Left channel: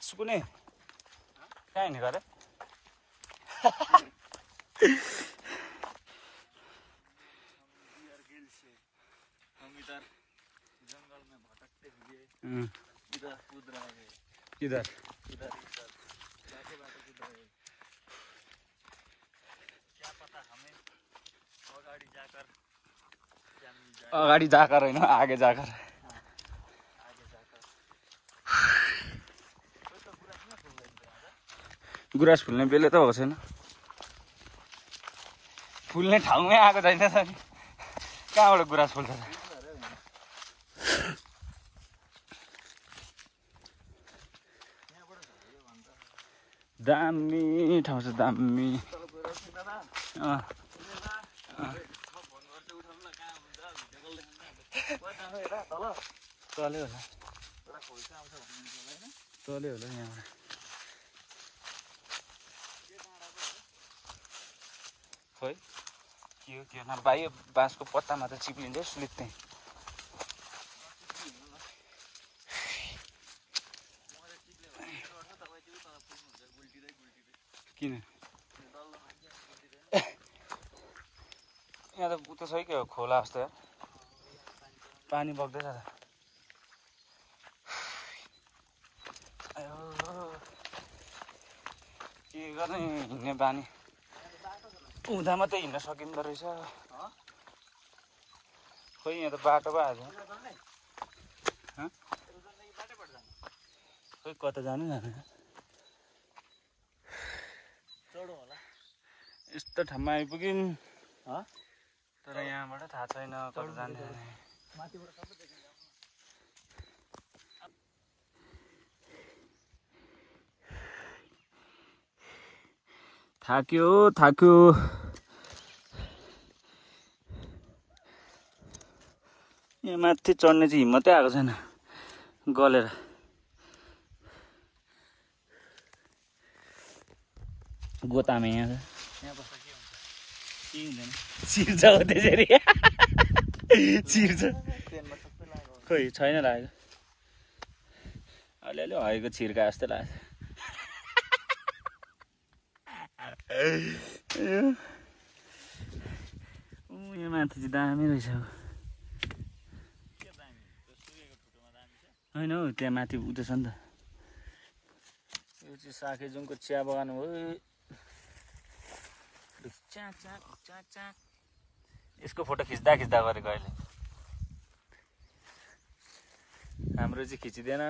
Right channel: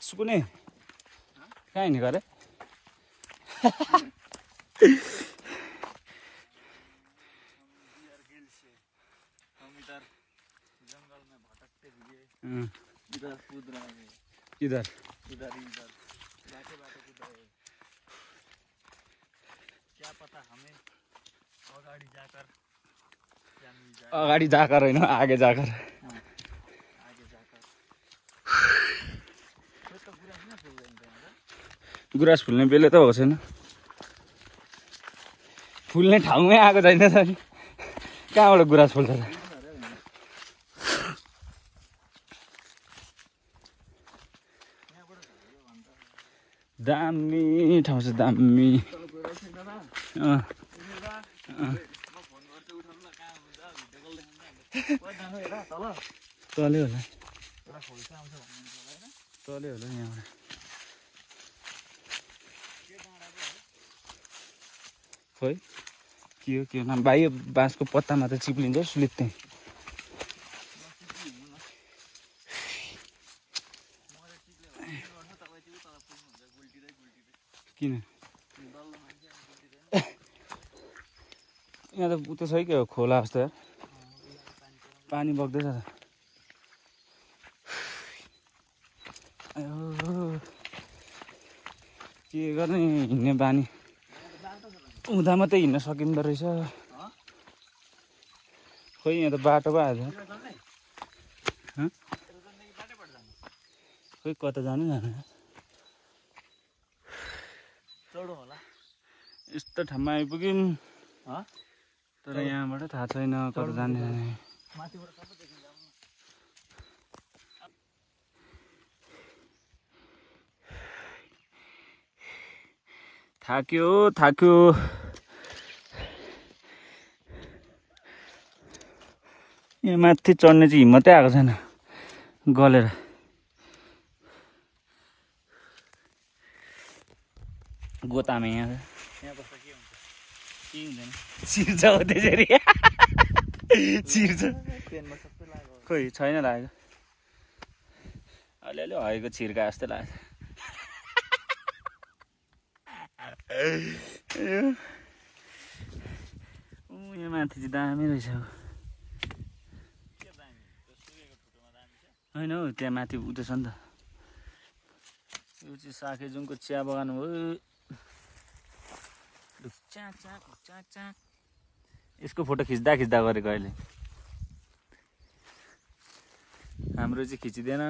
सुकुने कहाँ हिँडेको अरे इधर अगाडि जाकर होइन आगे जाकर गुराँस फुल्ने बेला त भएको छैन फुल्ने ठाउँमै आएको छैन त नि कहाँबाट गुराँस फुल्छ त दामी ठाउँ छ दामी चल्यो होला यहाँबाट खोइ के हो नाम भाइ बाँसको पत्तामा त चिप्लिन्छ सुलित्ते किन यहाँ त उता छ कि खोला जस्तो यार पानी बग्दैछ के गर्ने हिँड्ने बानी उता मात्रै हिँड्न सकिँदो रहेछ खोइ यहाँ त बाटो पो आएछ खोइ कता जानु यस्तो ठाउँमा आइपुग्यौँ तर यहाँबाट थाहा छैन कता जाने थाक्यो यहाँ माथि चढ्ने चाहिँ हिम्मतै आएको छैन गलेर गोतामे यहाँ चिर्छ हो त्यसरी चिर्छ खोइ छैन लागेको अलिअलि हरेको छिर्का जस्तो लाग्छ यहाँ माथि चाहिँ दामी रहेछ होइन हौ त्यहाँ माथि उता छ नि त यो चाहिँ साकेजुङको चिया बगान हो यसको फोटो खिच्दा गरेको अहिले हाम्रो चाहिँ खिचिँदैन